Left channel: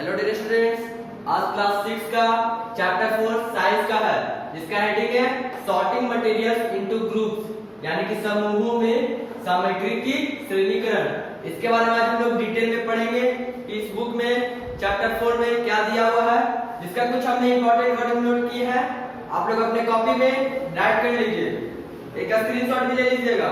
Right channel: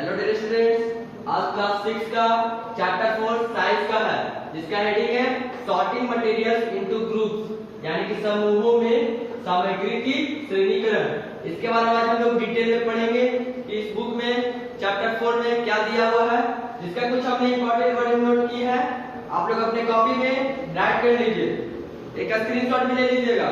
Hello dear students, आज class 6 का chapter 4 science का है, जिसका हेडिंग है सॉर्टिंग मटेरियल्स इनटू ग्रुप्स, यानी कि समूहों में सामग्री की श्रेणीकरण। इसके बारे में आज हम लोग डिटेल में पढ़ेंगे कि इस बुक में चैप्टर 4 में क्या दिया हुआ है, जिसका कुछ हमने इंपॉर्टेंट वर्डिंग नोट की है। आप लोग अपने कॉपी में राइट कर लीजिए, एक स्क्रीनशॉट भी ले लीजिएगा।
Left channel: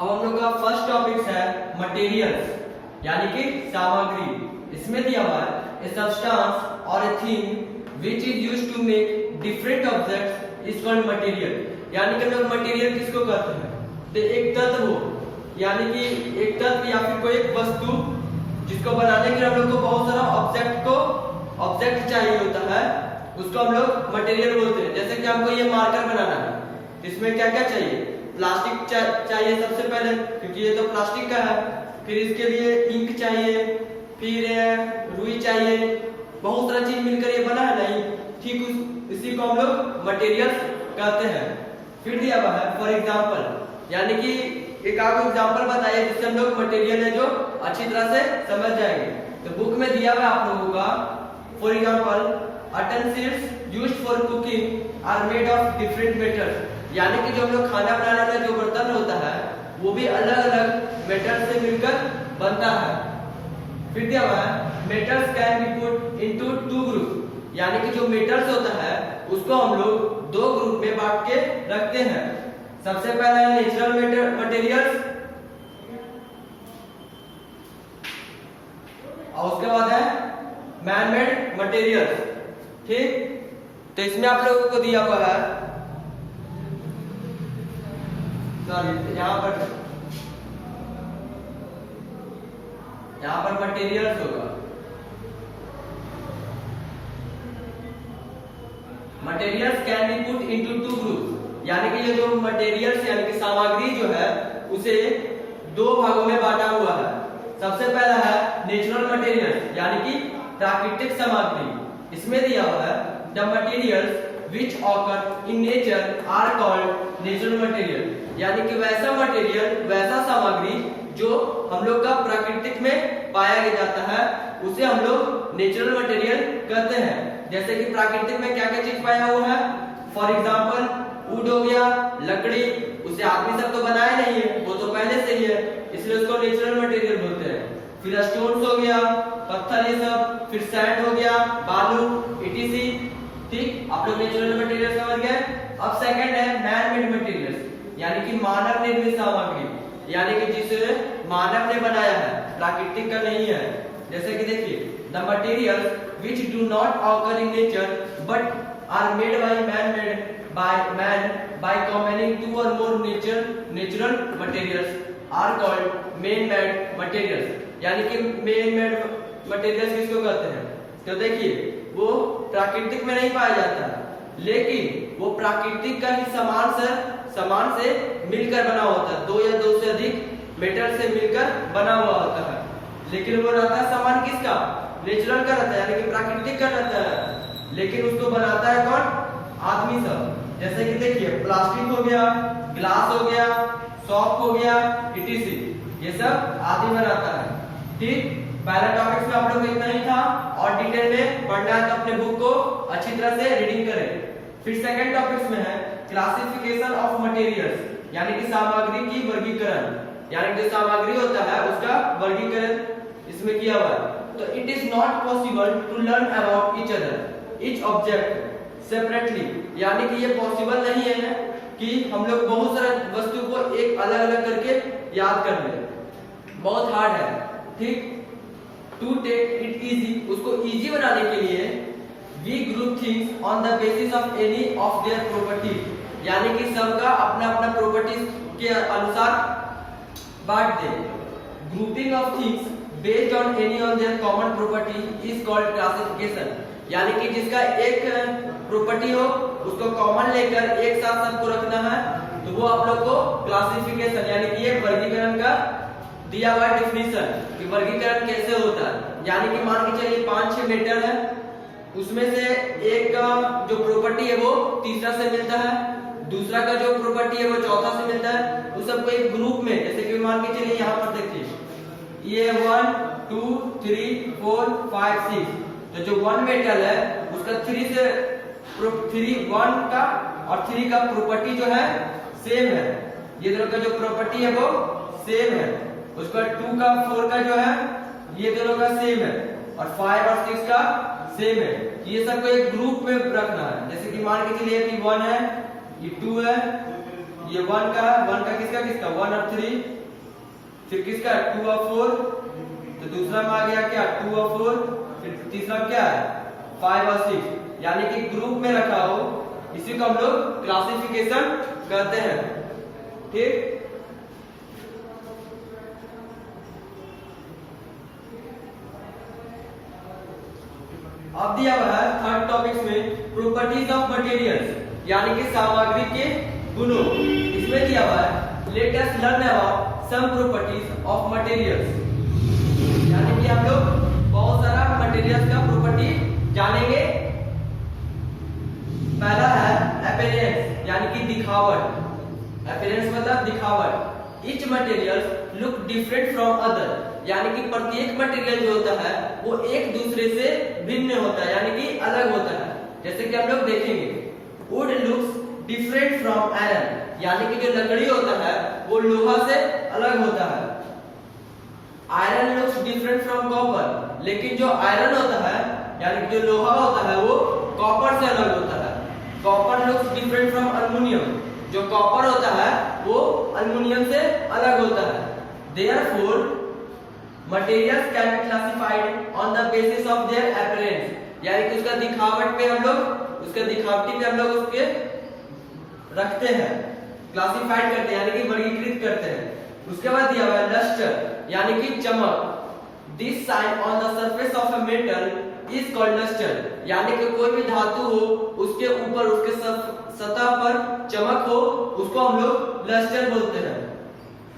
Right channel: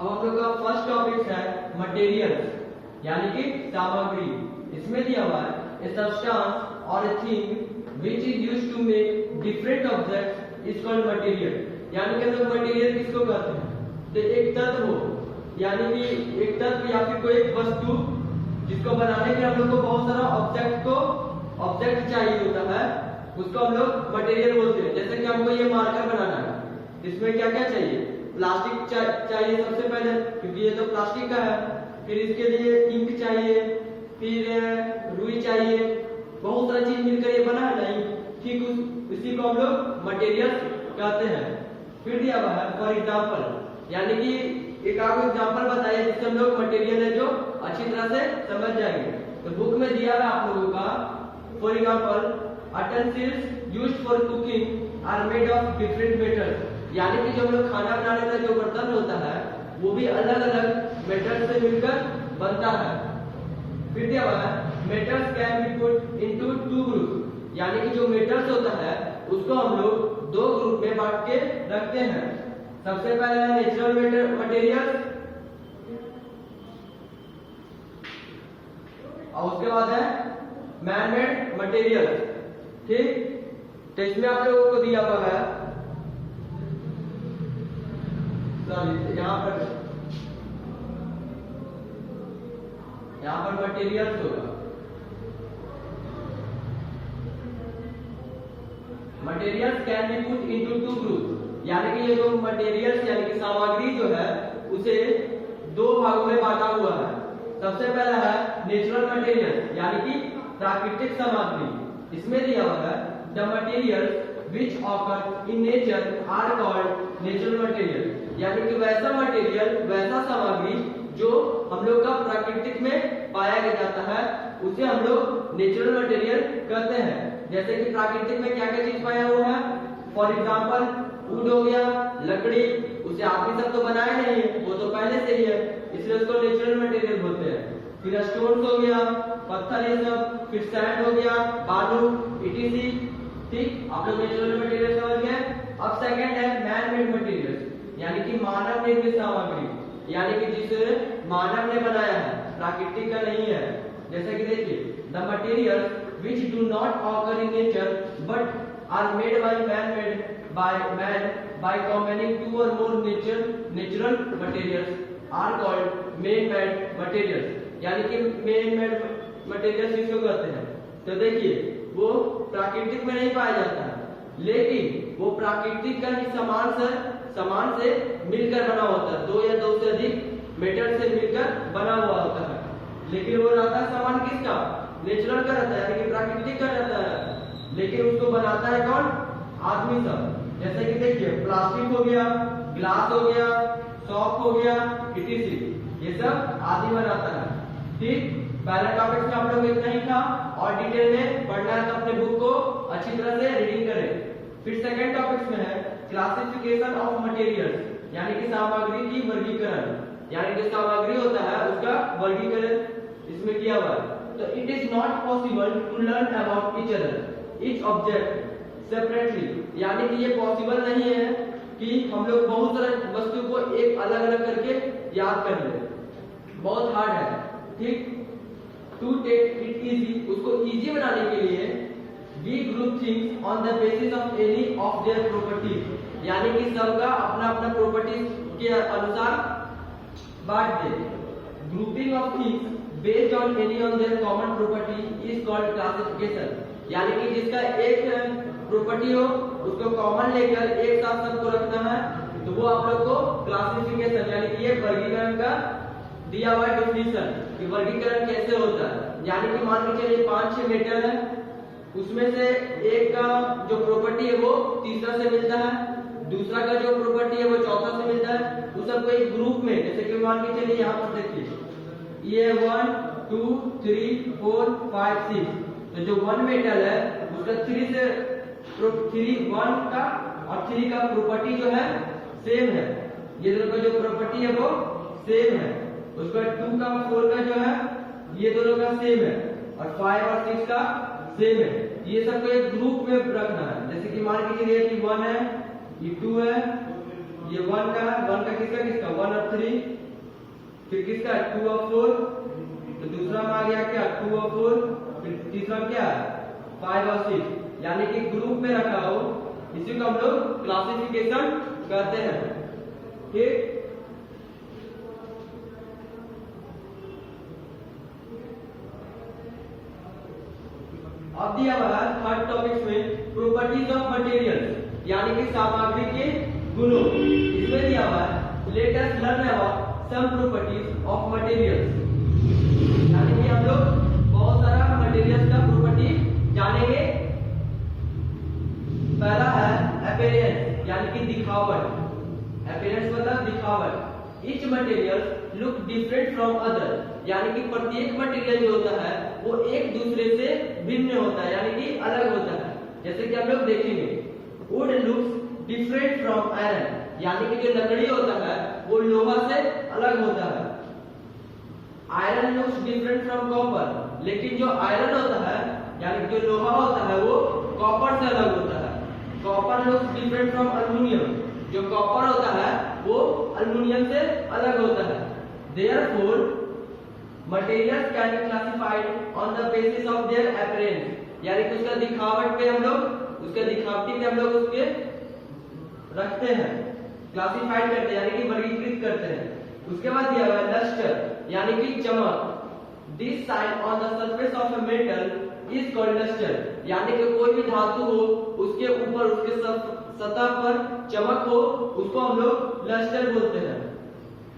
अब हम लोग का फर्स्ट टॉपिक है मटेरियल्स, यानी कि सामग्री। इसमें दिया हुआ है ए सब्सटेंस और a thing which is used to make different objects is called material. यानी कि लोग मटेरियल किसको कहते हैं, तो एक तत्व हो, यानी कि एक तत्व या फिर कोई एक वस्तु जिसको बनाने के लिए हम लोग को बहुत सारा ऑब्जेक्ट चाहिए होता है, उसको हम लोग मटेरियल बोलते हैं। जैसे कि हमको ये मार्कर बनाना है, इसमें क्या क्या चाहिए, प्लास्टिक चाहिए सबसे पहले, क्योंकि ये तो प्लास्टिक का है। फिर इसके लिए इंक चाहिए, फिर रुई चाहिए, बहुत सारा चीज मिलकर ये बना है नहीं, ठीक इसी को हम लोग मटेरियल्स कहते हैं। फिर दिया हुआ है फॉर एग्जांपल, यानी कि एक आपको एग्जांपल बताइए जिससे हम लोग मटेरियल है जो अच्छी तरह से समझ जाएंगे। तो बुक में दिया हुआ है आप लोगों का, for example utensils used for cooking are made of different metals, यानी कि जो हम लोग खाना बनाने वाला जो बर्तन होता है वो भी अलग अलग मेटल से मिलकर बनता है। फिर दिया हुआ है metals can be put into two group, यानी कि जो मेटल्स होता है उसको हम लोग दो ग्रुप में बांट के रखते हैं। सबसे पहला है नेचुरल मटेरियल्स और उसके बाद है मैन मेड मटेरियल्स। ठीक, तो इसमें आप लोगों को दिया हुआ है, यहाँ पर मटेरियल्स होगा। Materials can be put into two group, यानी कि ये जो मटेरियल्स यानी कि सामग्री जो है उसे दो भागों में बांटा हुआ है। सबसे पहला है नेचुरल मटेरियल्स, यानी कि प्राकृतिक सामग्री। इसमें दिया हुआ है the materials which occur in nature are called natural material, यानी कि वैसा मटेरियल, वैसा सामग्री जो हम लोग का प्राकृतिक में पाया जाता है उसे हम लोग नेचुरल मटेरियल कहते हैं। जैसे कि प्राकृतिक में क्या क्या चीज पाया हुआ है, फॉर एग्जांपल वुड हो गया, लकड़ी, उसे आदमी सब तो बनाए नहीं है, वो तो पहले से ही है, इसलिए उसको नेचुरल मटेरियल बोलते हैं। फिर स्टोन्स हो गया, पत्थर ये सब, फिर सैंड हो गया, बालू, इटीसी। ठीक, आप लोग नेचुरल मटेरियल समझ गए। अब सेकंड है मैन मेड मटेरियल्स, यानी कि मानव निर्मित सामग्री, यानी कि जिसे मानव ने बनाया है, प्राकृतिक का नहीं है। जैसे कि देखिए the materials which do not occur in nature but are made by combining two or more natural materials are called man made materials, यानी कि man made materials किसको कहते हैं, तो देखिए वो प्राकृतिक में नहीं पाया जाता है, लेकिन वो प्राकृतिक का ही सामान से मिलकर बना होता है, दो या दो से अधिक मेटल से मिलकर बना हुआ होता है। लेकिन वो रहता है सामान किसका, नेचुरल का रहता है, यानी कि प्राकृतिक का रहता है, लेकिन उसको बनाता है कौन, आदमी सब। जैसे कि देखिए प्लास्टिक हो गया, ग्लास हो गया, सॉप हो गया, इटीसी, ये सब आदमी बनाता है। ठीक, पहला टॉपिक्स में आप लोग को इतना ही था, और डिटेल में पढ़ना है तो अपने बुक को अच्छी तरह से रीडिंग करें। फिर सेकंड टॉपिक्स में है क्लासिफिकेशन ऑफ मटेरियल्स, यानी कि सामग्री की वर्गीकरण, यानी कि सामग्री होता है उसका वर्गीकरण इसमें किया हुआ है। तो it is not possible to learn about each other each object separately, यानी कि ये पॉसिबल नहीं है कि हम लोग बहुत सारे वस्तु को एक अलग अलग करके याद कर ले, बहुत हार्ड है। ठीक, टू टेक इट इजी, उसको इजी बनाने के लिए we group things on the basis of any of their properties, यानी कि सबका अपना अपना प्रॉपर्टीज के अनुसार बांट दे। Grouping of things based on any on their common property is called classification, यानी कि जिसका एक प्रॉपर्टी हो उसको कॉमन लेकर एक साथ सबको रखना है, तो वो आप लोग को क्लासिफिकेशन, यानी कि ये वर्गीकरण का दिया हुआ डेफिनेशन कि वर्गीकरण कैसे होता है। यानी कि मान के चलिए 5-6 मेटल है, उसमें से एक का जो प्रॉपर्टी है वो तीसरा से मिलता है, दूसरा का जो प्रॉपर्टी है वो चौथा से मिलता है। उस सबको एक ग्रुप में, जैसे कि मान के चलिए यहाँ पर देखिए ये 1 2 3 4 5 6, तो जो 1 मेटल है उसका 3 से 1 का और 3 का प्रॉपर्टी जो है सेम है, ये दोनों का जो प्रॉपर्टी है वो सेम है। उसका 2 का 4 का जो है ये दोनों का सेम है, और 5 और 6 का सेम है। ये सबको एक ग्रुप में रखना है। जैसे कि मान के चलिए कि 1 है, ये 2 है, ये 1 का किसका 1 और 3, फिर किसका 2 और 4, तो दूसरा में आ गया क्या 2 और 4, फिर तीसरा में क्या है 5 और 6, यानी कि ग्रुप में रखा हो, इसी को हम लोग क्लासिफिकेशन कहते हैं। ठीक, अब दिया हुआ है थर्ड टॉपिक्स में प्रॉपर्टीज ऑफ मटेरियल्स, यानी कि सामग्री के गुणों। इसमें दिया हुआ है let us learn about some properties of materials, यानी कि हम लोग बहुत सारा मटेरियल्स का प्रॉपर्टी जानेंगे। पहला है अपीयरेंस, यानी कि दिखावट। अपीयरेंस मतलब दिखावट। Each material look different from other, यानी कि प्रत्येक मटेरियल जो होता है वो एक दूसरे से भिन्न होता है, यानी कि अलग होता है। जैसे कि हम लोग देखेंगे would looks different from iron, यानी कि जो लकड़ी होता है वो लोहा से अलग होता है। Iron looks different from copper, लेकिन जो आयरन होता है यानी कि जो लोहा होता है वो कॉपर से अलग होता है। Copper looks different from aluminium, जो कॉपर होता है वो अल्युमिनियम से अलग होता है। Therefore, materials can be classified on the basis of their appearance, यानी कि उसका दिखावट पे हम लोग उसके दिखावटी पे हम लोग उसके रखते हैं, क्लासिफाइड करते हैं, यानी कि वर्गीकृत करते हैं। उसके बाद दिया हुआ है लस्टर, यानी कि चमक। This shine on the surface of a metal is called lustre, यानी कि कोई भी धातु हो उसके ऊपर उसके सतह पर चमक हो, उसको हम लोग लस्टर बोलते हैं।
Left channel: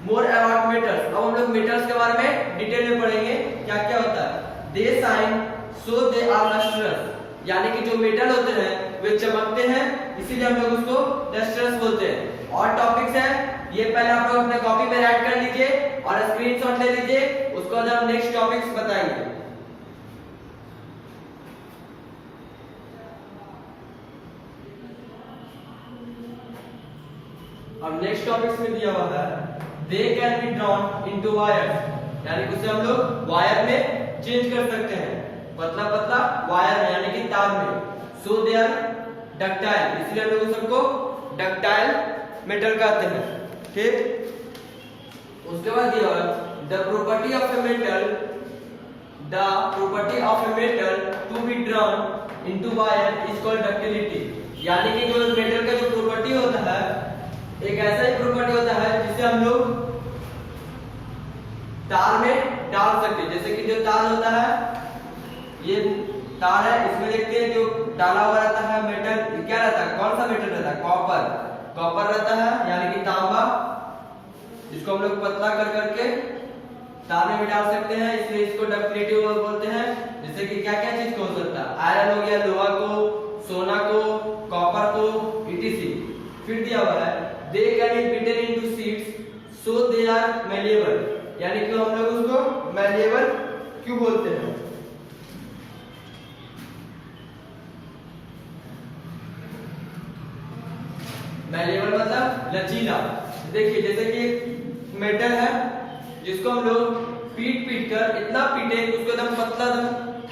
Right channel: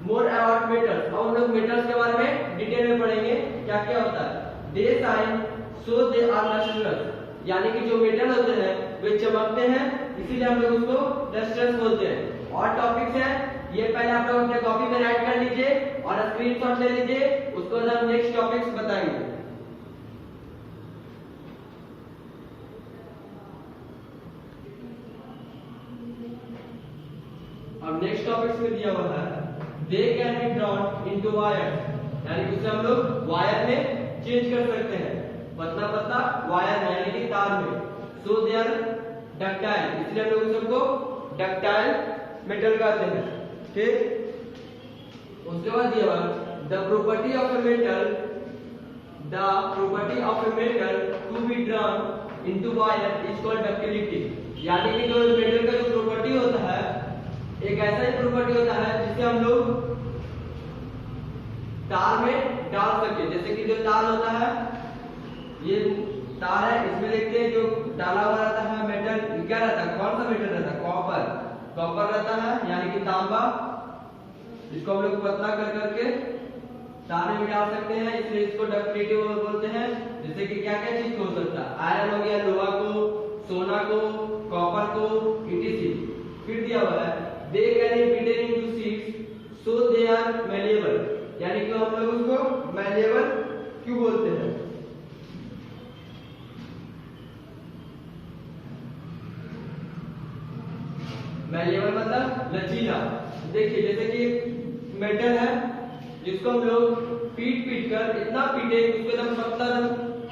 मोर अबाउट मेटल्स, अब हम लोग मेटल्स के बारे में डिटेल में पढ़ेंगे क्या क्या होता है। They shine so they are lustrous, यानी कि जो मेटल होते हैं वे चमकते हैं, इसीलिए हम लोग उसको लस्ट्रस बोलते हैं। और टॉपिक्स है ये पहले आप लोग अपने कॉपी में राइट कर लीजिए और स्क्रीनशॉट ले लीजिए, उसको बाद हम नेक्स्ट टॉपिक्स बताएंगे। अब नेक्स्ट टॉपिक्स में दिया हुआ है they can be drawn into wires, यानी कि उसे हम लोग वायर में चेंज कर सकते हैं, पतला पतला वायर में यानी कि तार में। सो दे आर डक्टाइल, इसलिए हम लोग सबको डक्टाइल मेटल कहते हैं। ठीक, उसके बाद दिया हुआ the property of a metal, the property of a metal to be drawn into wire is called ductility, यानी कि जो मेटल का जो प्रॉपर्टी होता है एक ऐसा ही प्रॉपर्टी होता है जिसे हम लोग तार में डाल सकते हैं। जैसे कि जो तार होता है ये तार है, इसमें देखते हैं जो डाला हुआ रहता है मेटल, क्या रहता है, कौन सा मेटल रहता है, कॉपर। कॉपर रहता है यानी कि तांबा, इसको हम लोग पतला कर करके तार में भी डाल सकते हैं, इसलिए इसको डक्टिलिटी बोलते हैं। जैसे कि क्या क्या चीज को हो सकता है, आयरन हो गया, लोहा को, सोना को, कॉपर को, etc। फिर दिया हुआ है they can be beaten into sheets so they are malleable, यानी कि हम लोग उसको malleable क्यों बोलते हैं। malleable मतलब लचीला। देखिए जैसे कि एक मेटल है जिसको हम लोग पीट पीट कर इतना पीटे कि उसको एकदम पतला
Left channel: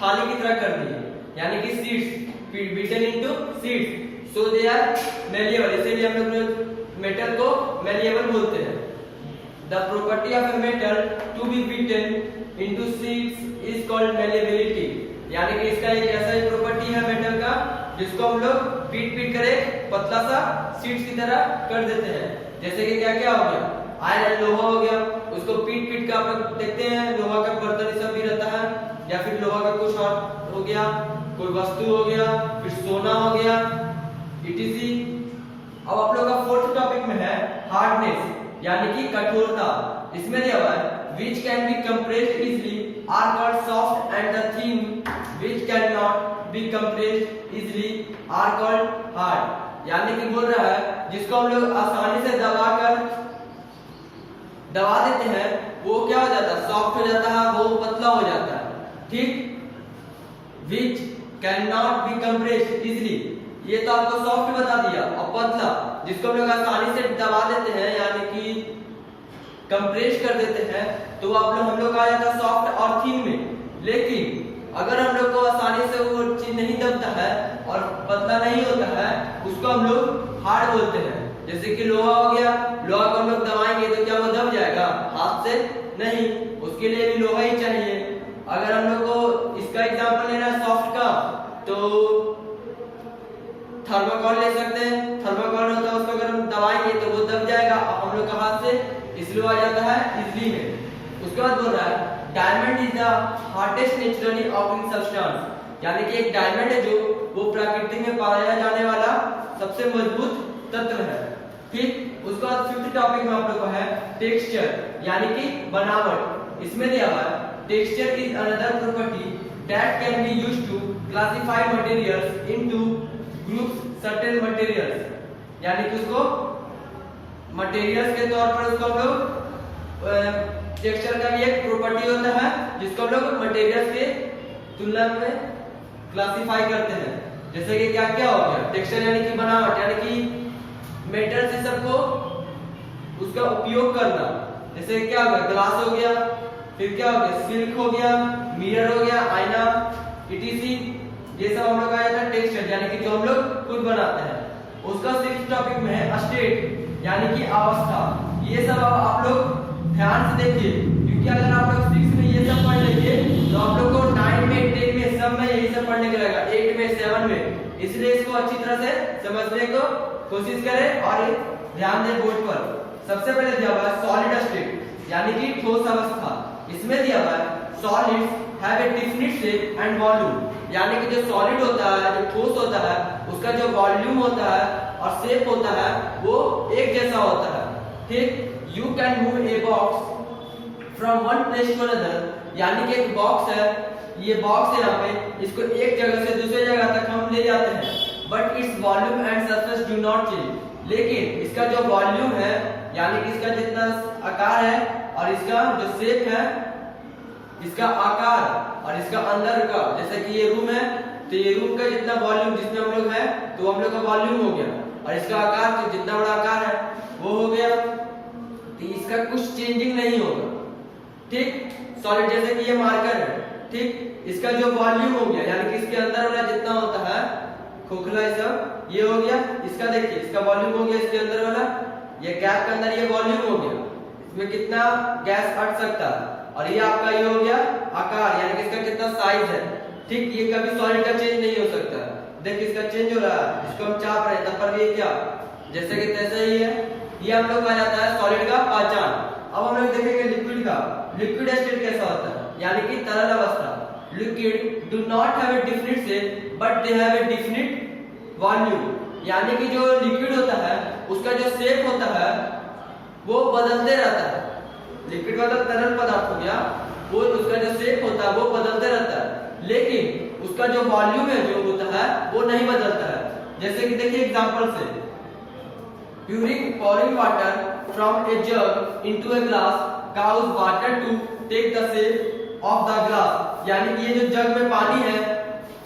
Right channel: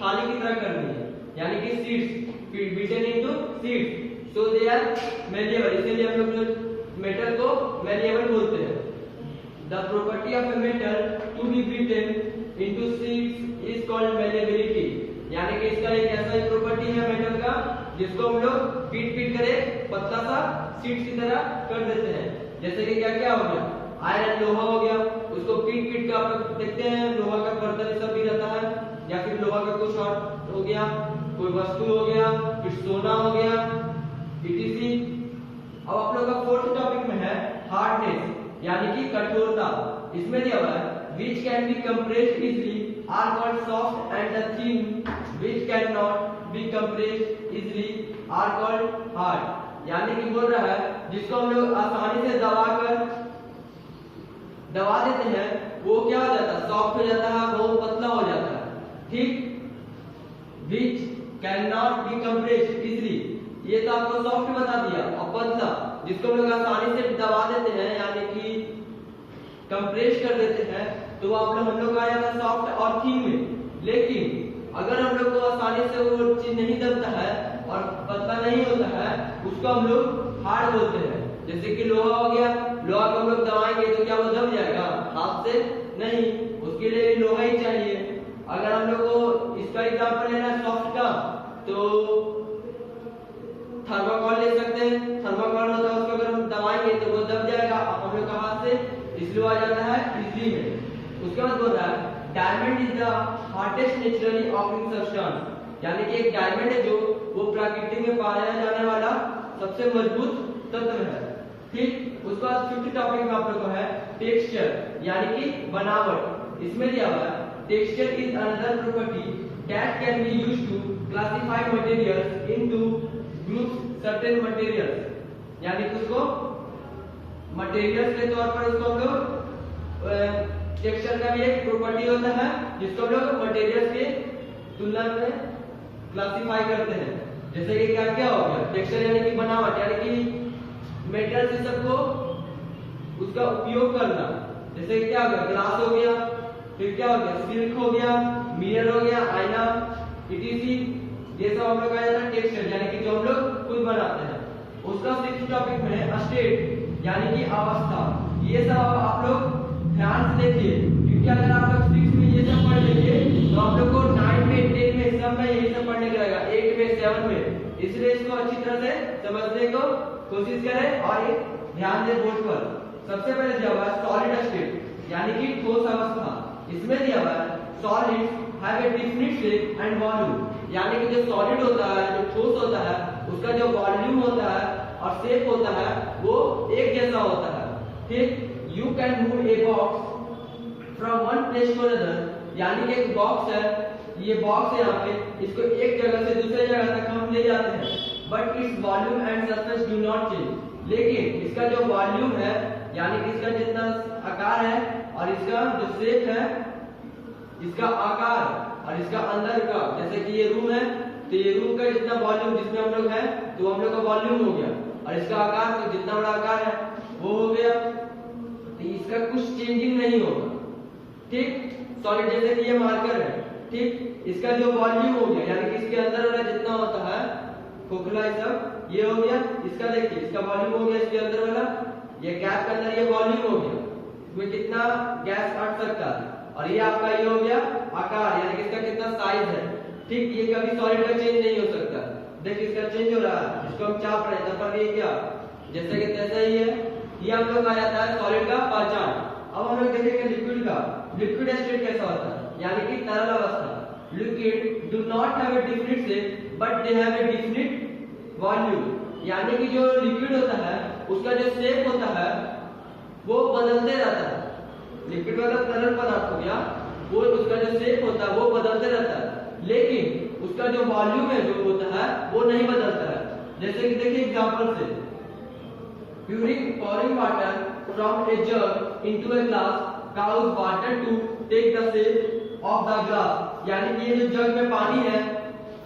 थाली की तरह कर दिए, यानी कि sheets beaten into sheets so they are malleable, इसीलिए हम लोग मेटल को malleable बोलते हैं। The property of a metal to be beaten into sheets is called malleability, यानी कि इसका एक ऐसा ही प्रॉपर्टी है मेटल का जिसको हम लोग पीट पीट करे पतला सा शीट्स की तरह कर देते हैं। जैसे कि क्या क्या हो गया, आयरन लोहा हो गया, उसको पीट पीट कर आप लोग देखते हैं लोहा का बर्तन सब भी रहता है, या फिर लोहा का कुछ और हो गया, कोई वस्तु हो गया, फिर सोना हो गया, etc। अब आप लोग का फोर्थ टॉपिक में है हार्डनेस, यानी कि कठोरता। इसमें दिया हुआ है which can be compressed easily are called soft and the thin which cannot be compressed easily are called hard. यानी कि बोल रहा है जिसको हम लोग आसानी से दबा देते हैं वो क्या हो जाता है, सॉफ्ट हो जाता है, वो पतला हो जाता है। ठीक, which can not be compressed easily, ये तो आपको सॉफ्ट बता दिया। और पतला जिसको हम लोग आसानी से दबा देते हैं यानी कि कंप्रेस कर देते हैं तो हम लोग आ जाता है सॉफ्ट और थिन में। लेकिन अगर हम लोग को आसानी से वो चीज नहीं दबता है और पतला नहीं होता है उसको हम लोग हार्ड बोलते हैं। जैसे कि लोहा हो गया, लोहा को हम लोग दबाएंगे तो क्या वो दब जाएगा हाथ से? नहीं, उसके लिए भी लोहा ही चाहिए। अगर हम लोग को इसका एग्जांपल लेना है सॉफ्ट का तो थर्मोकॉल ले सकते हैं। थर्मोकॉल होता है उसको अगर हम दबाएंगे तो वो दब जाएगा हम लोग का हाथ से, इसलिए आ जाता है इजली में। उसके बाद बोल रहा है diamond is the hardest naturally occurring substance, यानी कि एक डायमंड है जो वो प्रकृति में पाया जाने वाला सबसे मजबूत तत्व है। ठीक, उसके बाद फिफ्थ टॉपिक में आप लोग का है टेक्सचर यानी कि बनावट। इसमें दिया हुआ है texture is another property that can be used to classify materials into groups certain materials, यानी कि उसको मटेरियल्स के तौर पर उसको हम लोग टेक्सचर का भी एक प्रॉपर्टी होता है जिसको हम लोग मटेरियल्स के तुलना में क्लासिफाई करते हैं। जैसे कि क्या क्या हो गया टेक्सचर यानी कि बनावट, यानी कि मेटल से सबको उसका उपयोग करना। जैसे क्या हो गया ग्लास हो गया, फिर क्या हो गया सिल्क हो गया, मिरर हो गया, आईना, इटीसी, ये सब हम लोग आ जाता है टेक्सचर यानी कि जो हम लोग खुद बनाते हैं। उसका सिक्स्थ टॉपिक में है स्टेट यानी कि अवस्था। ये सब आप लोग ध्यान से देखिए क्योंकि अगर आप लोग 6 में ये सब पढ़ लेंगे तो आप लोग को 9 में 10 में सब में यही सब पढ़ने का रहेगा, 8 में 7 में। इसलिए इसको अच्छी तरह से समझने को कोशिश करें और ये ध्यान दें बोर्ड पर। सबसे पहले दिया हुआ है सॉलिड स्टेट यानी कि ठोस अवस्था। इसमें दिया हुआ है solids have a definite shape and volume, यानी कि जो सॉलिड होता है जो ठोस होता है उसका जो वॉल्यूम होता है और शेप होता है वो एक जैसा होता है। ठीक, you can move a box from one place to another, यानी कि एक बॉक्स है, ये बॉक्स है यहाँ पे, इसको एक जगह से दूसरे जगह तक हम ले जाते हैं but its volume and surface do not change. लेकिन इसका जो वॉल्यूम है यानी कि इसका जितना आकार है और इसका जो शेप है, इसका आकार और इसका अंदर का, जैसे कि ये रूम है तो ये रूम का जितना वॉल्यूम जिसमें हम लोग हैं तो हम लोग का वॉल्यूम हो गया और इसका आकार तो जितना बड़ा आकार है वो हो गया, तो इसका कुछ चेंजिंग नहीं होगा। ठीक, सॉलिड जैसे कि ये मार्कर है, ठीक, इसका जो वॉल्यूम हो गया यानी कि इसके अंदर वाला जितना होता है खोखला ये सब ये हो गया, इसका देखिए इसका वॉल्यूम हो गया, इसके अंदर वाला ये कैप के अंदर ये वॉल्यूम हो गया, इसमें कितना गैस अट सकता है, और ये आपका ये हो गया आकार यानी कि इसका कितना साइज है। ठीक, ये कभी सॉलिड का चेंज नहीं हो सकता। देखिए इसका चेंज हो रहा है, इसको हम चाप रहे हैं तब पर ये क्या जैसे कि तैसा ही है। ये हम लोग आ जाता है सॉलिड का पहचान। अब हम लोग देखेंगे लिक्विड का। लिक्विड स्टेट कैसा होता है यानी कि तरल अवस्था। Liquid do not have a definite shape but they have a definite volume, यानी कि जो लिक्विड होता है उसका जो शेप होता है वो बदलते रहता है। लिक्विड मतलब तरल पदार्थ हो गया, वो उसका जो शेप होता है वो बदलते रहता है, लेकिन उसका जो वॉल्यूम है जो होता है वो नहीं बदलता है। जैसे कि देखिए एग्जांपल से pouring water from a jug into a glass causes water to take the shape of the glass, यानी कि ये जो जग में पानी है,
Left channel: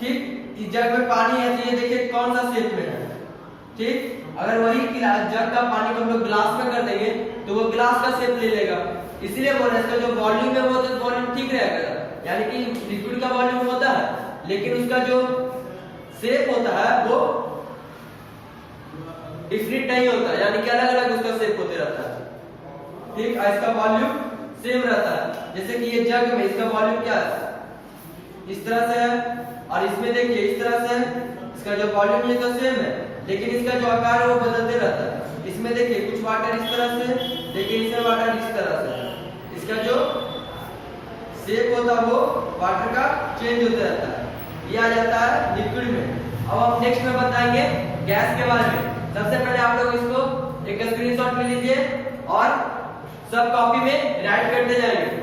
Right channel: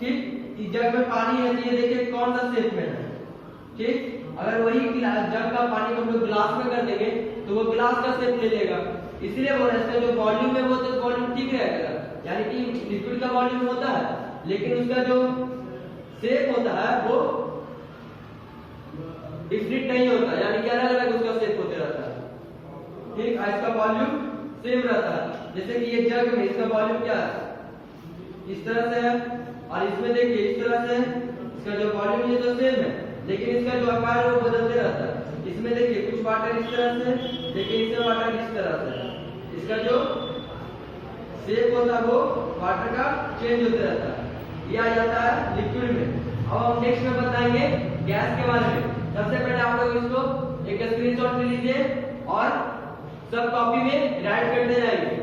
ठीक, इस जग में पानी है तो ये देखिए कौन सा शेप में है। ठीक, अगर वही जग का पानी को हम लोग ग्लास में कर देंगे तो वो ग्लास का शेप ले लेगा। इसीलिए बोल रहे हैं इसका जो वॉल्यूम है वो तो वॉल्यूम ठीक रहेगा, यानी कि लिक्विड का वॉल्यूम होता है लेकिन उसका जो शेप होता है वो डिफरेंट नहीं होता, यानी कि अलग अलग उसका शेप होते रहता है। ठीक, इसका वॉल्यूम सेम रहता है। जैसे कि ये जग में इसका वॉल्यूम क्या है इस तरह से है और इसमें देखिए इस तरह से है, इसका जो वॉल्यूम ये तो सेम है लेकिन इसका जो आकार है वो बदलते रहता है। इसमें देखिए कुछ वाटर इस तरह से, देखिए इसमें वाटर इस तरह से, इसका जो शेप होता है वो वाटर का चेंज होते रहता है। ये आ जाता है लिक्विड में। अब हम नेक्स्ट में बताएंगे गैस के बारे में। सबसे पहले आप लोग इसको एक स्क्रीनशॉट में लीजिए और सब कॉपी में राइट करते जाएंगे।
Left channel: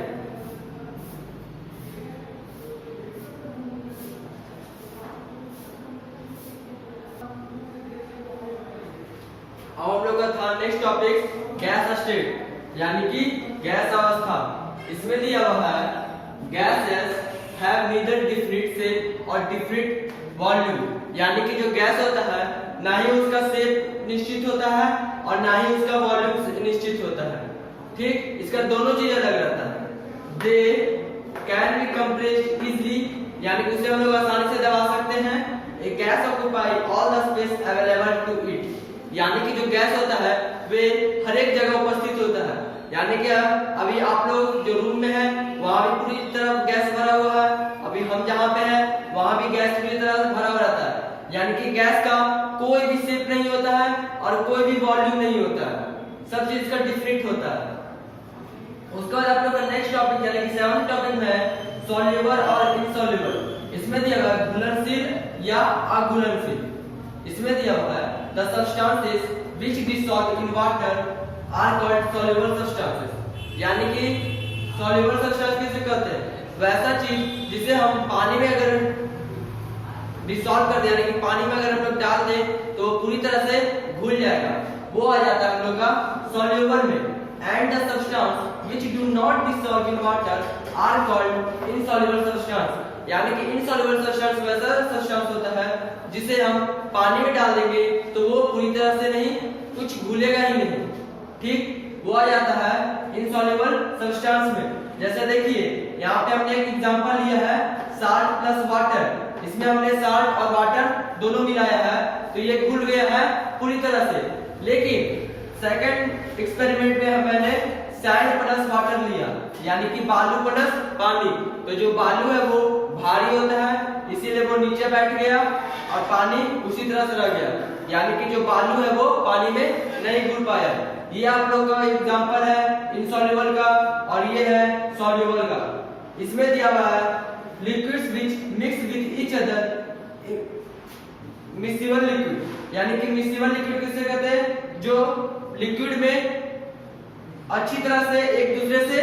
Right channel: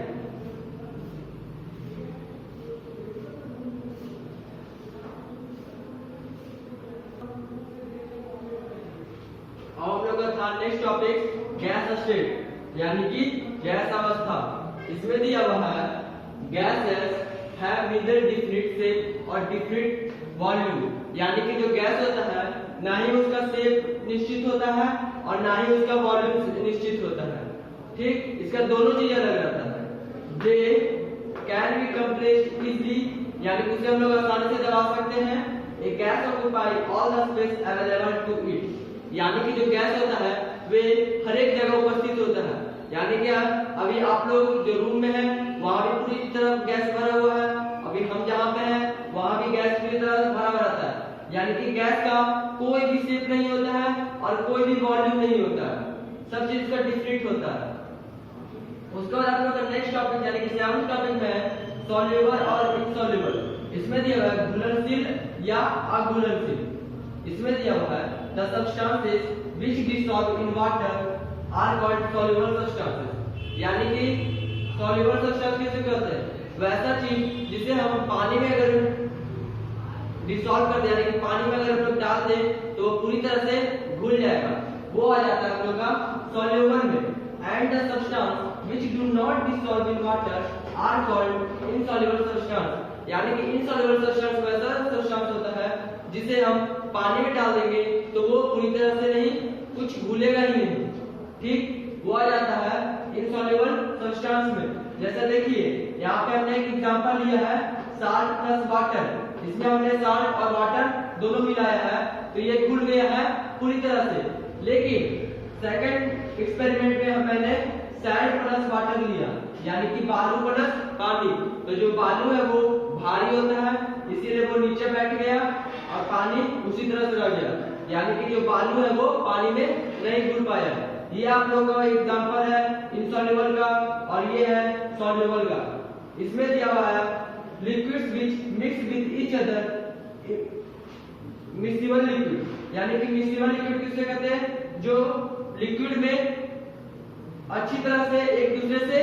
अब हम लोग का था नेक्स्ट टॉपिक गैस स्टेट यानी कि गैस अवस्था। इसमें दिया हुआ है gases have neither definite shape और डिफिनिट वॉल्यूम, यानी कि जो गैस होता है ना ही उसका शेप निश्चित होता है और ना ही उसका वॉल्यूम निश्चित होता है। ठीक, इसका दोनों चीज अलग रहता है। They can be compressed easily, यानी कि उसे हम लोग आसानी से दबा सकते हैं। A gas occupy all the space available to it, यानी कि जो गैस होता है वे हर एक जगह उपस्थित होता है। यानी कि अभी आप लोग जो रूम में हैं वहां भी पूरी तरह गैस भरा हुआ है, अभी हम जहां पे हैं वहां भी गैस पूरी तरह से भरा हुआ रहता है। यानी कि गैस का कोई भी शेप नहीं होता है और कोई भी वॉल्यूम नहीं होता है, सब चीज का डिफरेंट होता है। उसके बाद आप लोग का नेक्स्ट टॉपिक यानी कि 7th टॉपिक में है सॉल्युबल और इनसॉल्युबल। इसमें दिया हुआ है घुलनशील या अघुलनशील। इसमें दिया हुआ है the substances which dissolve in water are called soluble substances, यानी कि सॉल्युबल सब्सटेंस किसे कहते हैं? वैसा चीज जिसे हम पानी में अगर डिसॉल्व कर दें, यानी कि पानी में अगर हम लोग डाल दें तो पूरी तरह से घुल जाएगा, वो आ जाता है हम लोग का सॉल्युबल में। And the substance which do not dissolve in water are called insoluble substance, यानी कि इनसॉल्युबल सब्सटेंस वैसा सब्सटेंस होता है जिसे हम पानी में डाल देंगे तो वो पूरी तरह से नहीं, कुछ घुलेगा ही नहीं। ठीक, वो आ जाता है इनसॉल्युबल सब्सटेंस में। जैसे देखिए यहाँ पे हमने एक एग्जांपल लिया है साल्ट प्लस वाटर। इसमें हमने साल्ट और वाटर दोनों मिलाया है तो ये घुल गया है पूरी तरह से। लेकिन सेकंड एक्सपेरिमेंट में मैंने सैंड प्लस वाटर लिया, यानी कि बालू प्लस पानी। तो जो बालू है वो भारी होता है इसीलिए वो नीचे बैठ गया और पानी उसी तरह से रह गया, यानी कि जो बालू है वो पानी में नहीं घुल पाया। ये आप लोग का एग्जांपल है इनसॉल्युबल का और ये है सॉल्युबल का। इसमें दिया हुआ है liquids which mix with each other miscible liquid, यानी कि मिक्सिबल लिक्विड किसे कहते हैं? जो लिक्विड में अच्छी तरह से एक दूसरे से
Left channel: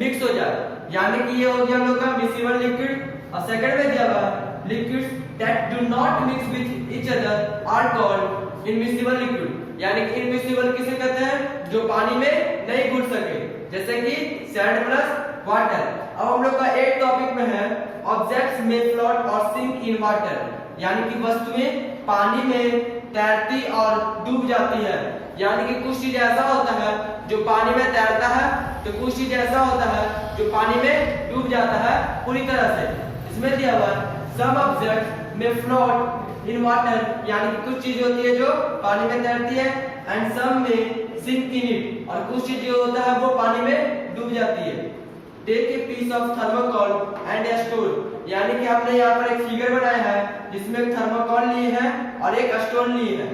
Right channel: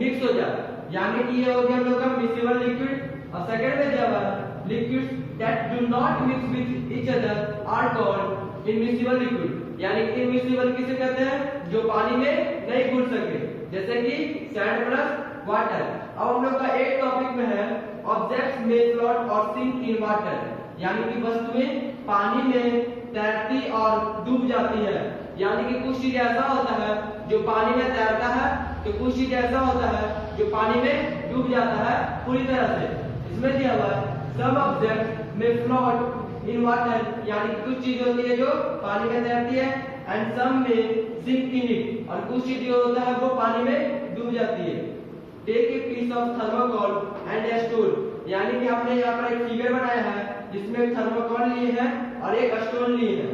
मिक्स हो जाए, यानी कि ये हो गया हम लोग का मिक्सिबल लिक्विड। और सेकंड में दिया हुआ है liquids that do not mix with each other are called immiscible liquid, यानी कि इनमिक्सिबल किसे कहते हैं? जो पानी में नहीं घुल सके, जैसे कि सैंड प्लस वाटर। अब हम लोग का 8th टॉपिक में है ऑब्जेक्ट्स मे फ्लोट और सिंक इन वाटर, यानी कि वस्तुएं पानी में तैरती और डूब जाती है। यानी कि कुछ चीज ऐसा होता है जो पानी में तैरता है तो कुछ चीज ऐसा होता है जो पानी में डूब जाता है पूरी तरह से। इसमें दिया हुआ some objects may float in water, यानी कि कुछ चीज होती है जो पानी में तैरती है, एंड सम में सिंक इन इट, और कुछ चीज जो होता है वो पानी में डूब जाती है। Take a piece of thermocol and a stone, यानी कि आपने यहाँ पर एक फिगर बनाया है जिसमें एक थर्मोकोल लिए है और एक स्टोन लिए है।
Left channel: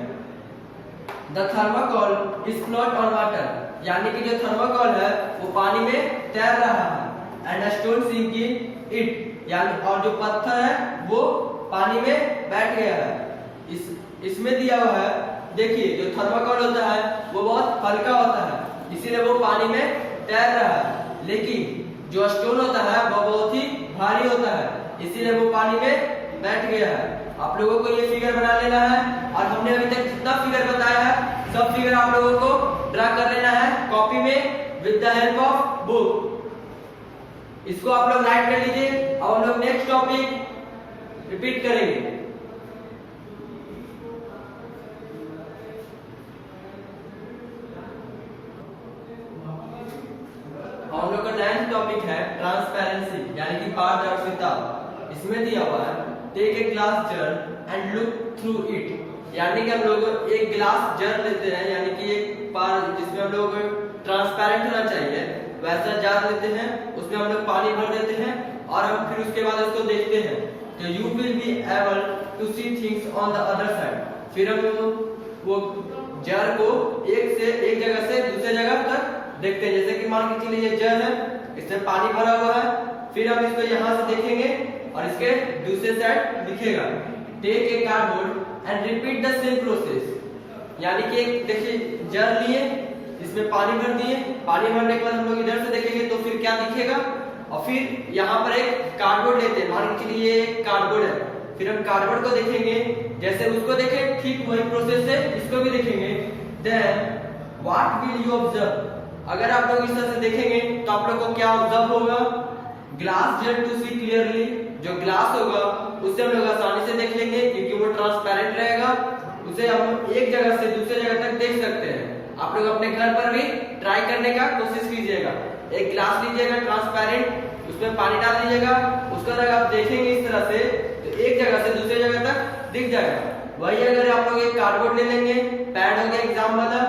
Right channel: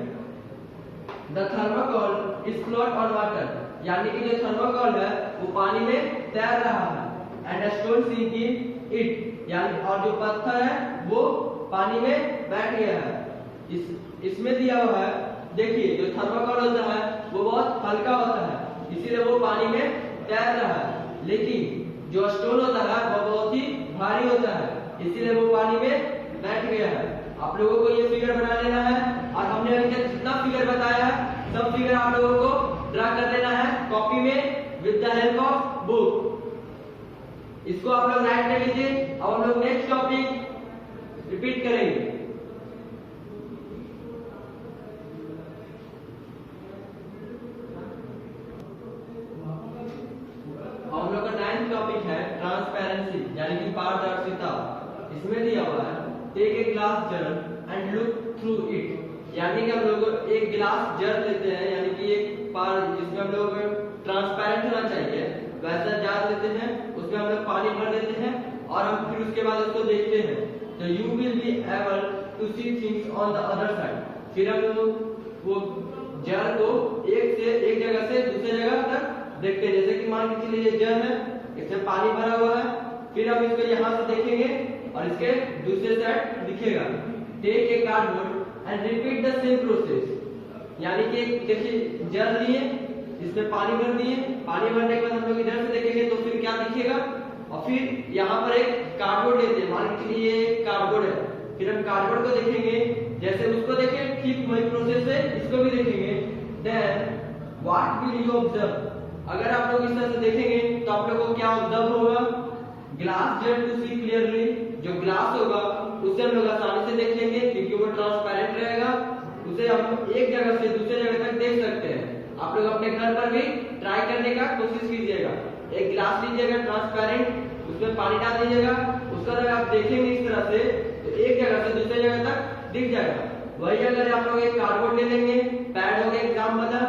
The thermocol is float on water, यानी कि जो थर्मोकोल है वो पानी में तैर रहा है, and stone sink in it, यानी और जो पत्थर है वो पानी में बैठ गया है। इसमें दिया हुआ है देखिए जो थर्मोकोल होता है वो बहुत हल्का होता है इसीलिए वो पानी में तैर रहा है, लेकिन जो स्टोन होता है वो बहुत ही भारी होता है इसीलिए वो पानी में बैठ गया है। आप लोगों को ये फिगर बना लेना है और हमने अभी तक जितना फिगर बताया है सब फिगर आप लोगों को ड्रा कर लेना है कॉपी में with the help of book. इसको आप लोग राइट कर लीजिए। अब हम लोग नेक्स्ट टॉपिक रिपीट करेंगे। हम लोग का 9th टॉपिक है ट्रांसपेरेंसी, यानी कि पारदर्शिता। इसमें दिया हुआ है take a glass jar and look through it, यानी कि हम लोग एक ग्लास जार लेते हैं, यानी कि एक पार जिसमें हम लोग ट्रांसपेरेंट होना चाहिए वैसा जार लेते हैं, उसमें हम लोग पानी भर देते हैं और हम फिर उसके बाद उसको देखते हैं तो you will be able to see things on the other side. फिर हम लोग वो जार को एक जगह से दूसरे जगह तक देखते हैं। जैसे कि मान के चलिए ये जार है, इसमें पानी भरा हुआ है, फिर हम इसको यहाँ से देखेंगे और इसके दूसरे साइड दिखेगा। Take a cardboard and repeat the same process, यानी कि देखिए जार लिए, इसमें पानी भर दिए, पानी भरने के बाद हम लोग इधर से देखेंगे तो फिर क्या दिखेगा, और फिर यहाँ पर एक कार्डबोर्ड लेते हैं, मान के चलिए ये कार्डबोर्ड है, फिर हम कार्डबोर्ड को देखेंगे, जैसे उसको देखें ठीक वही प्रोसेस से इसको भी देखेंगे। then what will you observe? अगर आप लोग इस तरह से देखेंगे तो आप लोग को क्या ऑब्जर्व होगा? Glass jet to see clearly, जो ग्लास होगा उससे हम लोग आसानी से देख लेंगे क्योंकि वो ट्रांसपेरेंट रहेगा, उसे हम एक जगह से दूसरे जगह तक देख सकते हैं। आप लोग अपने घर पर भी ट्राई करने का कोशिश कीजिएगा। एक ग्लास लीजिएगा ट्रांसपेरेंट, उसमें पानी डाल लीजिएगा, उसका अगर आप देखेंगे इस तरह से तो एक जगह से दूसरी जगह तक दिख जाएगा। वही अगर आप लोग एक कार्डबोर्ड ले लेंगे, पैड हो गया एग्जाम वाला,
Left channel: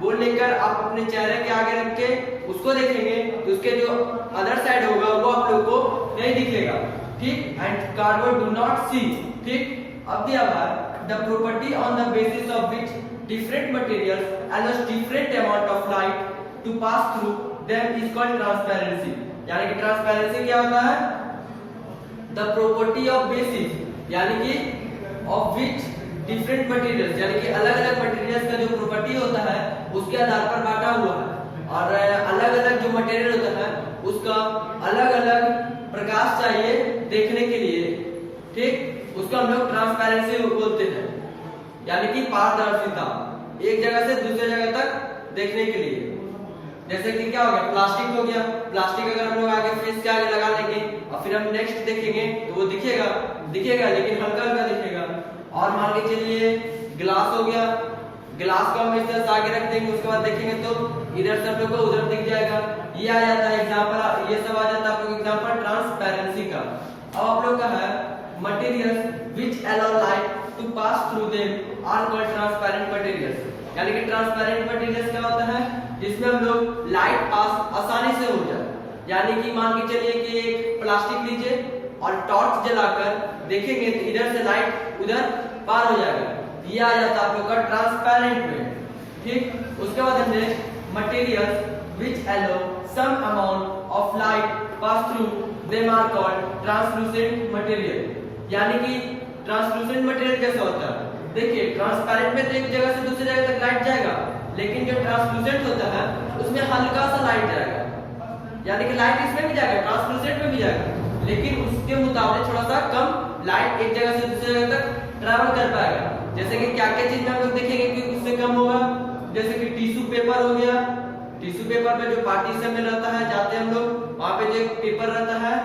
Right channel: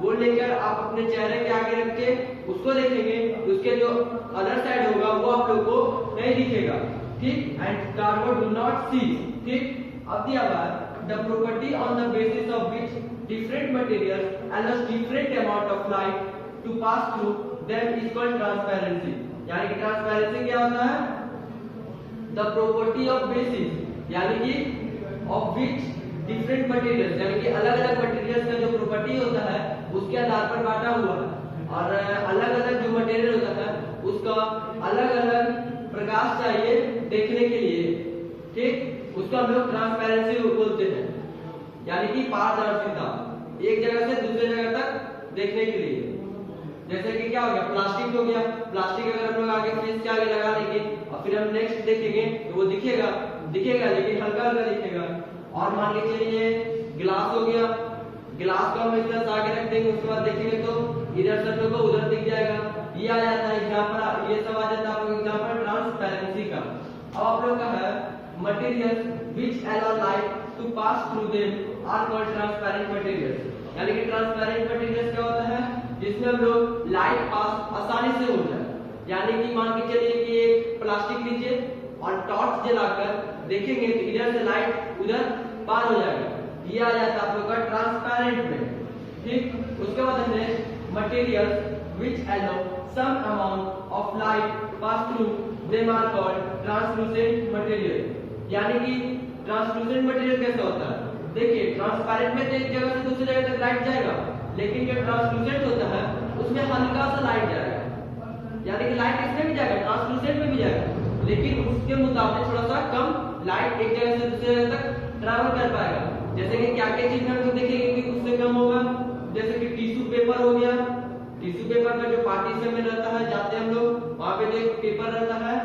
वो लेकर आप अपने चेहरे के आगे रख के उसको देखेंगे तो उसके जो अदर साइड होगा वो आप लोग को नहीं दिखेगा, ठीक। एंड कार्डबोर्ड डू नॉट सी, ठीक। अब दिया हुआ the property on the basis of which different materials allows different amount of light to pass through them is called transparency। यानी कि ट्रांसपेरेंसी क्या होता है? द प्रॉपर्टी ऑफ बेसिस, यानी कि ऑफ विच डिफरेंट मटेरियल्स, यानी कि अलग अलग मटेरियल्स का जो प्रॉपर्टी होता है उसके आधार पर बांटा हुआ है, और अलग अलग जो मटेरियल होता है उसका अलग अलग प्रकाश चाहिए देखने के लिए, ठीक। उसको हम लोग ट्रांसपेरेंसी बोलते हैं, यानी कि पारदर्शिता, एक जगह से दूसरे जगह तक देखने के लिए। जैसे कि क्या हो गया, प्लास्टिक हो गया, प्लास्टिक अगर हम लोग आगे फेस के आगे लगा लेंगे और फिर हम नेक्स्ट देखेंगे तो वो दिखेगा लेकिन हल्का हल्का दिखेगा। और मान के चलिए ग्लास हो गया, ग्लास को हम इस तरह से आगे रख देंगे, उसके बाद देखेंगे तो इधर से हम लोग को उधर दिख जाएगा। ये आ जाता है एग्जांपल, ये सब आ जाता है आप लोग एग्जांपल ट्रांसपेरेंसी का। अब आप लोग का है materials which allow light to pass through them are called transparent materials. यानी कि ट्रांसपेरेंट मटेरियल्स क्या होता है? जिसमें हम लोग लाइट पास आसानी से हो जाए। यानी कि मान के चलिए कि एक प्लास्टिक लीजिए और टॉर्च जलाकर देखेंगे तो इधर से लाइट उधर पार हो जाएगा, ये आ जाता है आप लोग का ट्रांसपेरेंट में, ठीक। उसके बाद हमने materials which allow some amount of light pass through them are called translucent material. यानी कि ट्रांसलूसेंट मटेरियल कैसा होता है? देखिए ट्रांसपेरेंट में तो एक जगह से दूसरी जगह तक लाइट जाएगा, लेकिन जो ट्रांसलूसेंट होता है उसमें हल्का सा लाइट जाएगा, यानी कि लाइट इसमें भी जाएगा, ट्रांसलूसेंट में भी जाएगा, लेकिन उसके मुताबिक थोड़ा सा कम लाइट एक जगह से दूसरी जगह तक ट्रैवल कर पाएगा। जैसे कि क्या क्या चीज में हम लोग देखेंगे कि उससे कम होगा, जैसे कि टिश्यू पेपर हो गया, टिश्यू पेपर में जो पार्टीशन में रहता है, जाते हम लोग वहां पे जो एक पेपर रहता है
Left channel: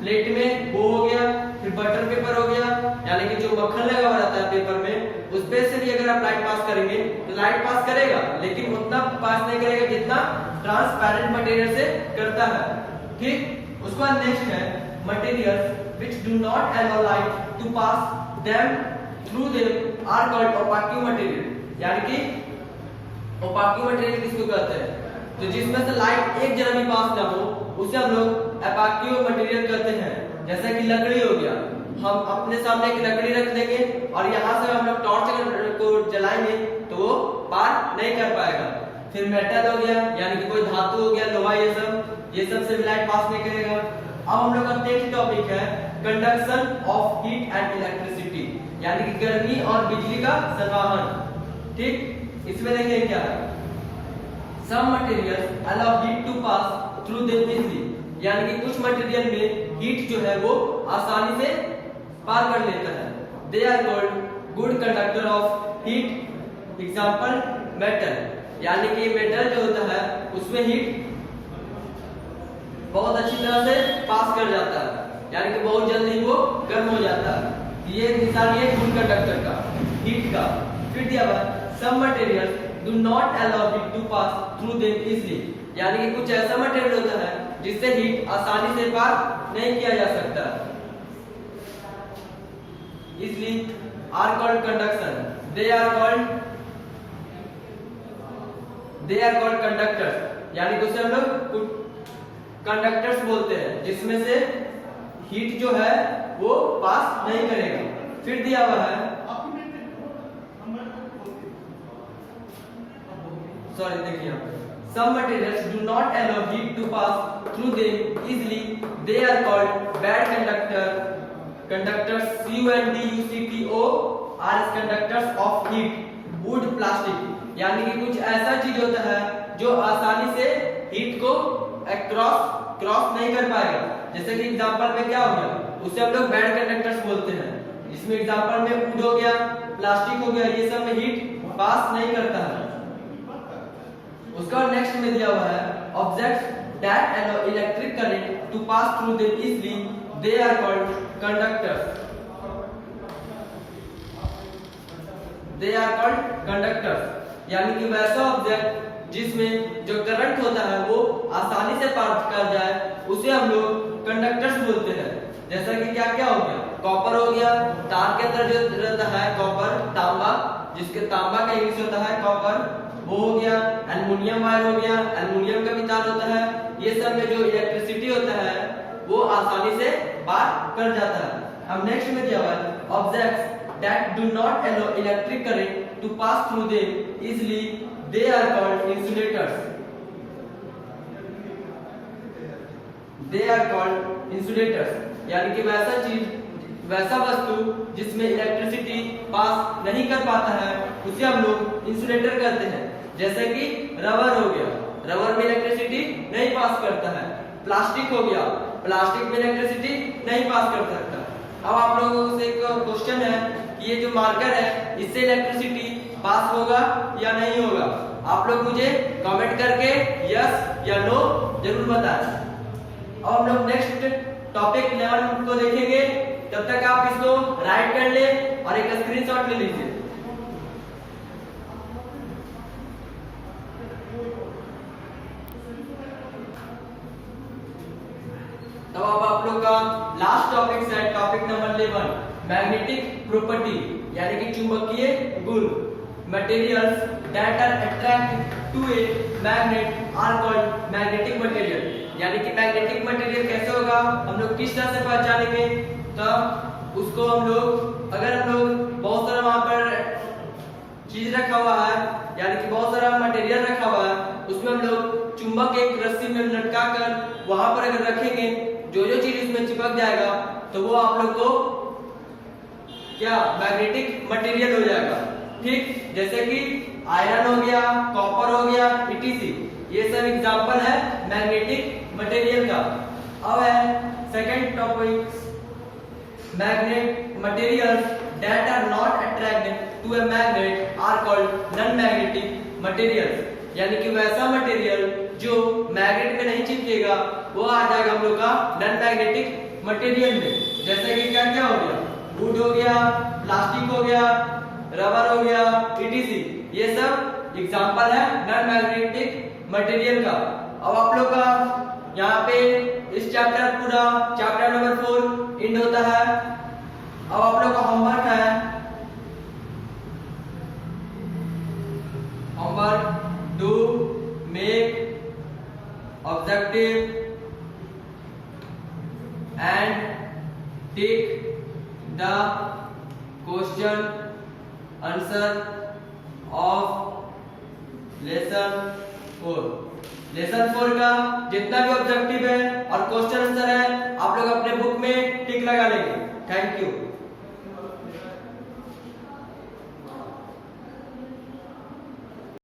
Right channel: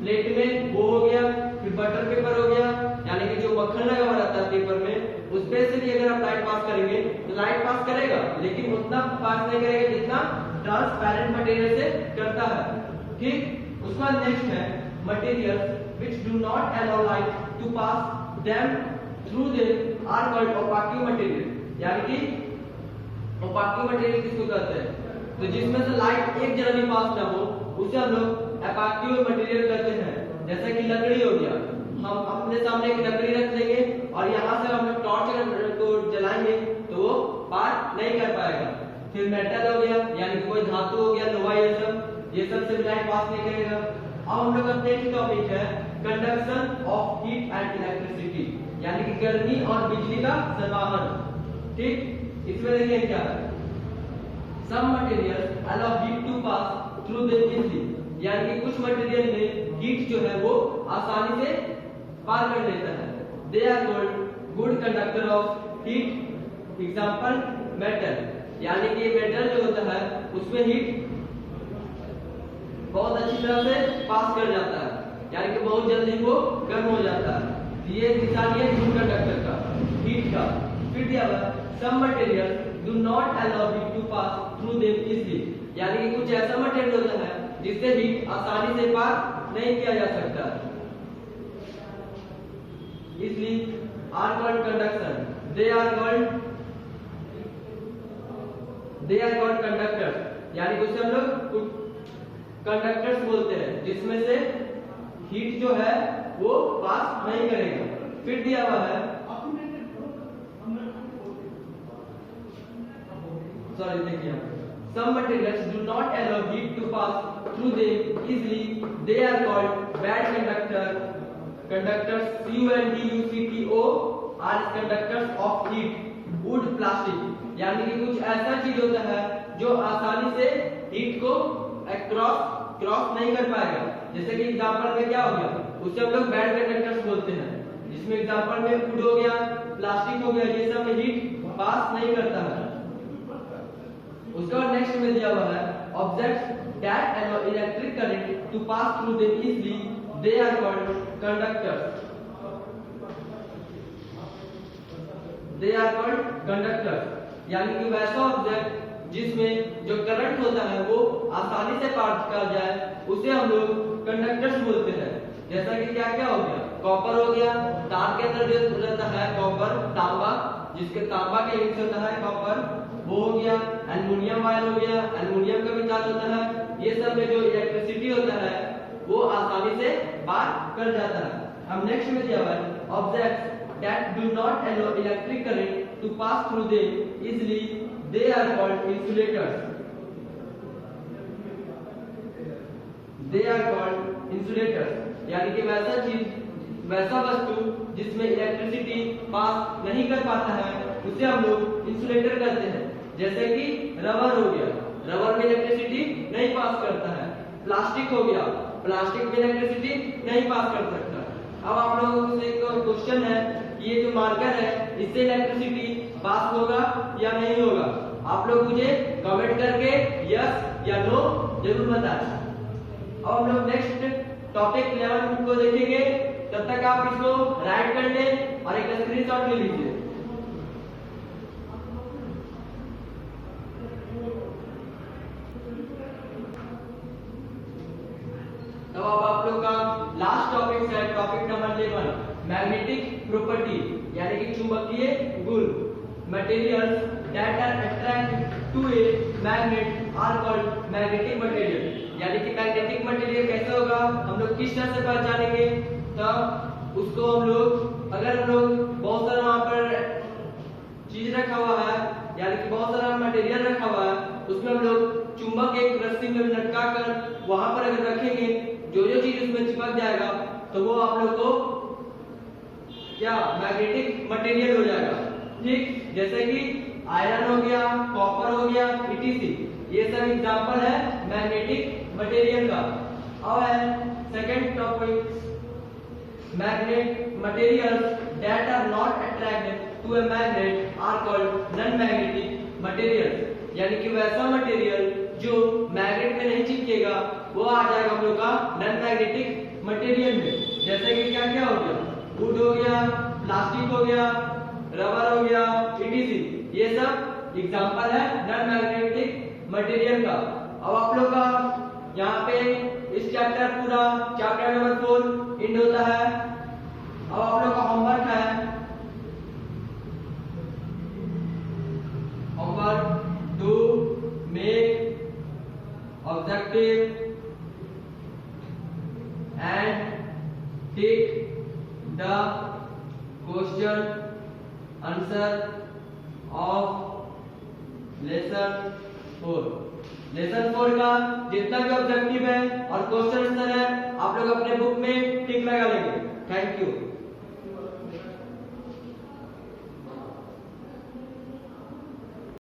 प्लेट में, वो हो गया। फिर बटर पेपर हो गया, यानी कि जो मक्खन लगा हुआ रहता है पेपर में, उस पे से भी अगर आप लाइट पास करेंगे तो लाइट पास करेगा, लेकिन उतना पास नहीं करेगा जितना ट्रांसपेरेंट मटेरियल से करता है, ठीक। उसके बाद नेक्स्ट है materials which do not allow light to pass them through them are called opaque material. यानी कि ओपाक मटेरियल किसको कहते हैं? तो जिसमें से लाइट एक जरा भी पास ना हो उसे हम लोग ओपाक मटेरियल कहते हैं। जैसे कि लकड़ी हो गया, हम अपने सामने एक लकड़ी रख देंगे और यहाँ से हम लोग टॉर्च को जलाएंगे तो वो पार नहीं कर पाएगा। फिर मेटल हो गया, यानी कि कोई धातु हो गया, लोहा, ये सब से भी लाइट पास नहीं करेगा। अब हम लोग का नेक्स्ट टॉपिक है conduction of heat and electricity, यानी कि गर्मी और बिजली का संवहन, ठीक। इसमें देखिए क्या है, some materials allow heat to pass through them easily. यानी कि कुछ मटेरियल में हीट जो है वो आसानी से पार कर लेता है। They are called good conductor of heat, example metal. यानी कि मेटल जो होता है उसमें हीट बहुत अच्छी तरह से पास कर जाता है, यानी कि बहुत जल्दी वो गर्म हो जाता है। ये निशानी है गुड कंडक्टर का, हीट का। फिर दिया हुआ some materials do not allow heat to pass through them easily. यानी कि कुछ ऐसा मटेरियल होता है जिससे हीट आसानी से पार नहीं किया जा सकता, इसलिए are called conduction. They are called conductors. यानी कि उसे हम लोग कंडक्टर्स बोलते हैं, जिसमें से हीट जो है वो पास नहीं करेगा। फिर दिया हुआ है, सॉरी देखिए, some materials do not allow heat to pass through them easily, they are called bad conductors CUNDUCTO are conductors of heat, wood, plastic। यानी कि कुछ ऐसा चीज होता है जो आसानी से हीट को क्रॉस नहीं कर पाएगा। जैसे कि एग्जांपल में क्या हो गया, उससे हम लोग बैड कंडक्टर्स बोलते हैं। इसमें एग्जांपल में वुड हो गया, प्लास्टिक हो गया, ये सब में हीट पास नहीं करता है, उसका नेक्स्ट में दिया हुआ है objects that allow electric current to pass through them easily they are called conductors. They are called conductors यानी कि वैसा ऑब्जेक्ट जिसमें जो करंट होता है वो आसानी से पास कर जाए उसे हम लोग कंडक्टर्स बोलते हैं। जैसा कि क्या क्या हो गया, कॉपर हो गया, तार के अंदर जो रहता है कॉपर, तांबा, जिसके तांबा का यूज होता है कॉपर, वो हो गया। एल्युमिनियम वायर हो गया, एल्युमिनियम का भी तार होता है। ये सब में जो इलेक्ट्रिसिटी होता है वो आसानी से पार कर जाता है। अब नेक्स्ट में दिया हुआ है objects that do not allow electric current to pass through them easily they are called insulators। they are called insulators यानी कि वैसा चीज, वैसा वस्तु जिसमें इलेक्ट्रिसिटी पास नहीं कर पाता है उसे हम लोग इंसुलेटर कहते हैं। जैसे कि रबर हो गया, रबर में इलेक्ट्रिसिटी नहीं पास करता है। प्लास्टिक हो गया, प्लास्टिक में इलेक्ट्रिसिटी नहीं पास कर सकता। अब आप लोगों से एक क्वेश्चन है कि ये जो मार्कर है इससे इलेक्ट्रिसिटी पास होगा या नहीं होगा? आप लोग मुझे कमेंट करके यस या नो जरूर बताएं। अब हम लोग नेक्स्ट टॉपिक 11 को देखेंगे, तब तक आप इसको राइट कर ले और एक स्क्रीनशॉट ले लीजिए। तो अब आप लोग का लास्ट टॉपिक है टॉपिक नंबर 11 मैग्नेटिक प्रॉपर्टी यानी कि चुंबकीय गुण। Materials that are attract to a magnet are called magnetic material. यानी कि मैग्नेटिक मटेरियल कैसे होगा, हम लोग किस तरह से पहचानेंगे? तो उसको हम लोग, अगर हम लोग बहुत सारा वहां पर चीज रखा हुआ है यानी कि बहुत सारा मटेरियल रखा हुआ है, उसमें हम लोग चुंबक एक रस्सी में लटका कर वहां पर अगर रखेंगे, जो जो चीज उसमें चिपक जाएगा तो वो आप लोग को क्या मैग्नेटिक मटेरियल हो जाएगा। ठीक, जैसे कि आयरन हो गया, कॉपर हो गया, इटीसी, ये सब एग्जांपल है मैग्नेटिक मटेरियल का। अब है second topic magnet materials that are not attracted to a magnet are called non magnetic materials. यानी कि वैसा मटेरियल जो मैग्नेट में नहीं चिपकेगा वो आ जाएगा हम लोग का नॉन मैग्नेटिक मटेरियल में। जैसे कि क्या क्या हो गया, वुड हो गया, प्लास्टिक हो गया, रबर हो गया, इटीसी, ये सब एग्जांपल है नॉन मैग्नेटिक मटेरियल का। अब आप लोग का यहाँ पे इस चैप्टर पूरा चैप्टर नंबर 4 एंड होता है। अब आप लोग का होमवर्क है, homework do make objective and take the question answer of lesson 4। Lesson 4 का जितना भी ऑब्जेक्टिव है और क्वेश्चन आंसर है आप लोग अपने बुक में टिक लगा लेंगे। Thank you.